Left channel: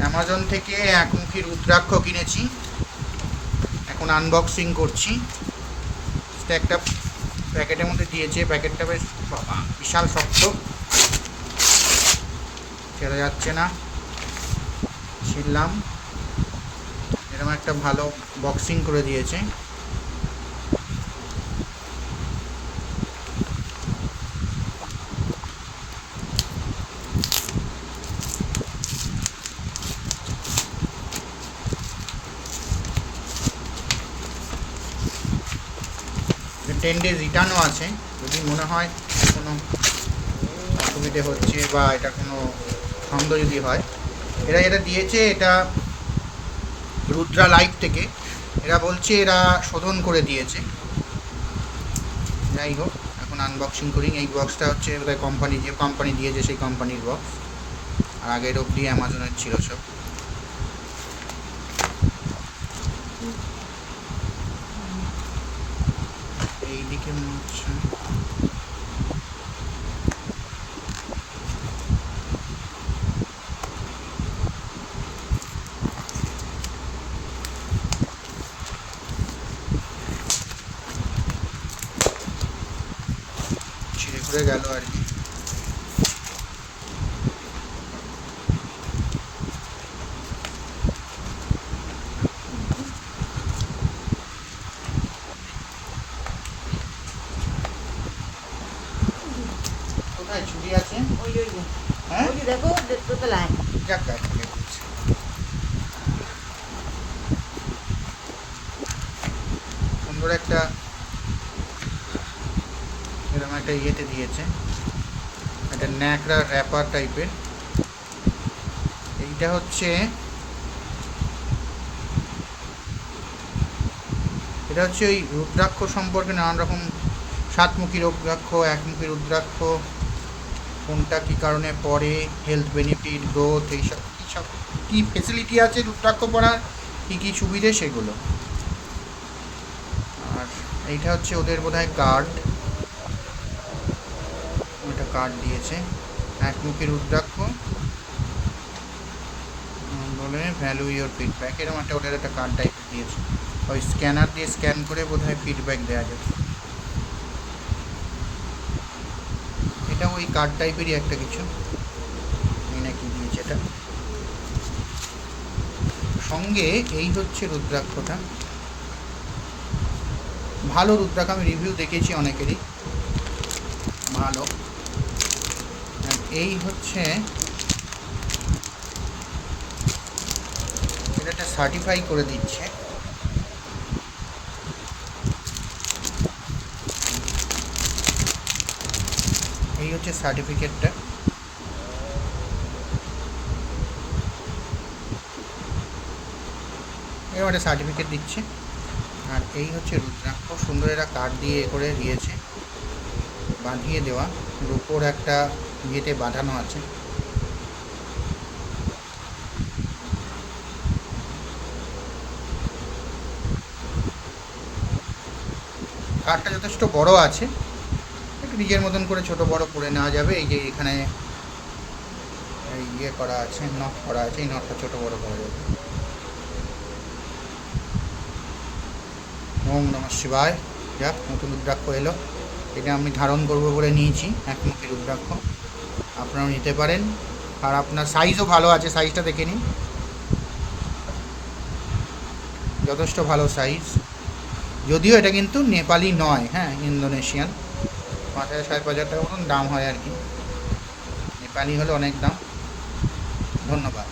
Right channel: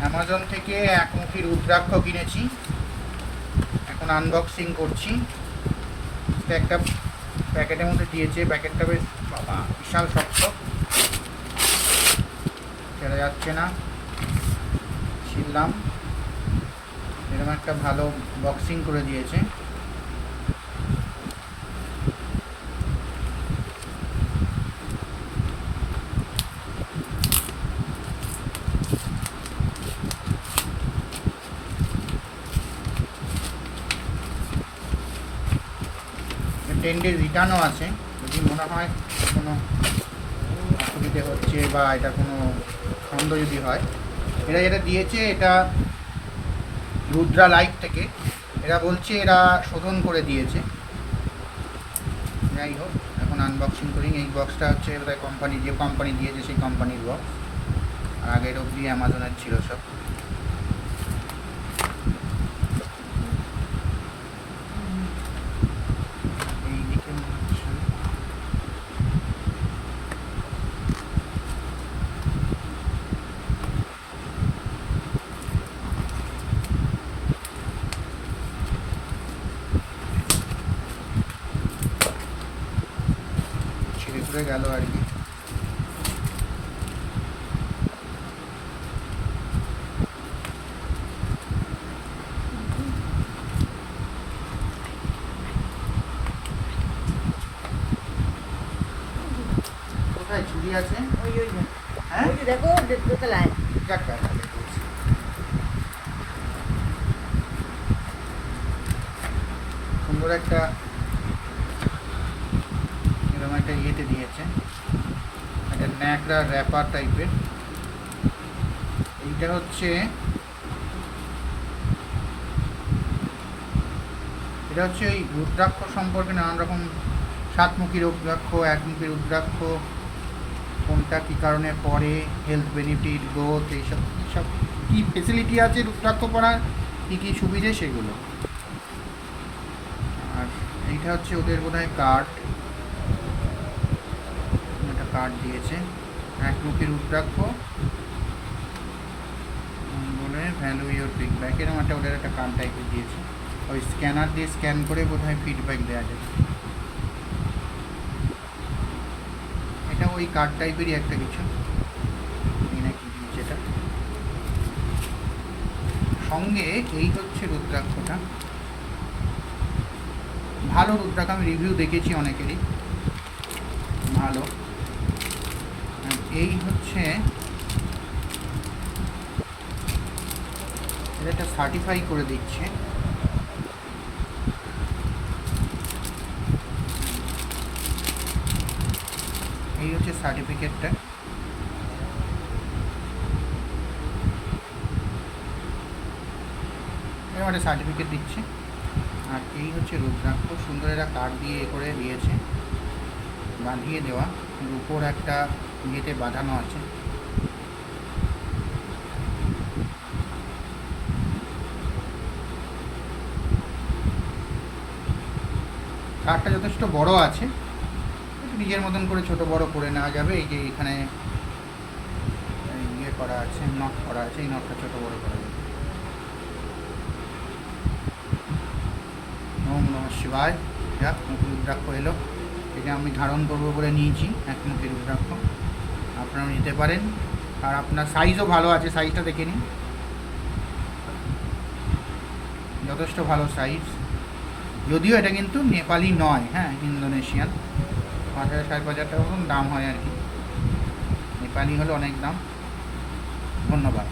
Amazon থেকে একমুখী রুদ্রাক্ষ কিনেছি, এখন আনবক্সিং করছি। একটা প্যাকেটের মধ্যে দিয়েছে, প্যাকেটটা বেশ বিশাল শক্ত, ছেড়ে যাচ্ছে না। ছিললাম, এরকম একটা ভালো বক্সিং করে দিয়েছে। টেন ডেজ রিটার্নও আছে, যদি মনে হয় কোনো অসুবিধে হচ্ছে বা এটা কোনো ছন্দ যদি হয়। এরা যেটা দিয়েছে এটা রুদ্রা লাইফ থেকে, এরা বলছে এরা শোধন করে দিয়েছে। যাই হোক, এখন আনবক্সিং করি। এই বক্সটা হচ্ছে বোধহয় কোম্পানি, যে কোম্পানি দিয়েছে সেই কোম্পানির বক্স, আর আগের অবধি অ্যামাজনের ছিল সব। এইদিকে ছিঁড়ে ঘুরে গেল আর কি। কোথায় চুরি আছে? ওই ওই হ্যাঁ, ওই যে দেখো দোতলায়। যাক তাহলে করছি। সুন্দর একটা এরকম একটা ইয়েতে দিয়েছে, একটা ন্যাকড়া র্যাপার টাইপের। এইটা হচ্ছে, এটা হচ্ছে ওই রুদ্রাক্ষ সম্পর্কে নানান রকম, সাতমুখী রুদ্রাক্ষ, একমুখী রুদ্রাক্ষ, কোনটা কী কারণে পড়ে, হেলথ বেনিফিট, গ্রোথ, এইসব কী ফেসিলিটি আছে রুদ্রাক্ষ পড়ার, কী কী সুবিধে সেগুলো। আর এইটা হচ্ছে ওদের বোধহয় কার্ড, একটা কার্ড দিয়েছে, একমুখী রুদ্রাক্ষ বলে ভ্যালু ইয়োর ফিডব্যাক, এরকম একটা ওদের একটা কার্ড টাইপ দিয়েছে। ওই স্ক্যানার দিয়ে স্ক্যান করে বোধহয় ফিডব্যাক দেওয়া যায়। এটা ওই কার্ড টাইপেরই একটা কিছু, এই নাকি দিয়েছে এটা সঙ্গে। এই হচ্ছে রুদ্রাক্ষটা, ভালো রুদ্রাক্ষ, আমি রিভিউ দেখেছি অনেকেরই, ভালো। এই হচ্ছে এটা সার্টিফাই করে দিচ্ছে। এই হচ্ছে সার্টিফিকেটটা, এরকম একটা সার্টিফিকেট দিচ্ছে। আর এই হচ্ছে রুদ্রাক্ষ, সুন্দর এরা কার্ড দিয়ে করে দিয়েছে, বাঁধিয়ে দেওয়া, উপর একটা ইয়েতে বাঁধানো আছে। কার্ডটা যথেষ্ট বড় আছে, একটু নিজের মতন করে ছোট বড় করে নেওয়া যাবে। এই যে এখানে ইয়ে করা আছে, নট করা আছে, এই নটটা ছোট বড় করা যাবে। ওম নমঃ শিবায়। যাক, নতুন রুদ্রাক্ষ এলো, এটা আমি ধারণ করবো বলে নিয়েছি, একমুখী রুদ্রাক্ষ। আপনারাও নিতে পারেন, আর আপনার সাইজও ভালো আছে, সাইজটা দেখে নিন, যথেষ্ট ভালো সাইজ। যদিও এটা কিন্তু নেপালি নয়, হ্যাঁ ইন্দোনেশিয়ান। 5,000 5,500 টাকা মতন দাম হয় আর কি, নেপালি হলে অনেক দাম। ধন্যবাদ।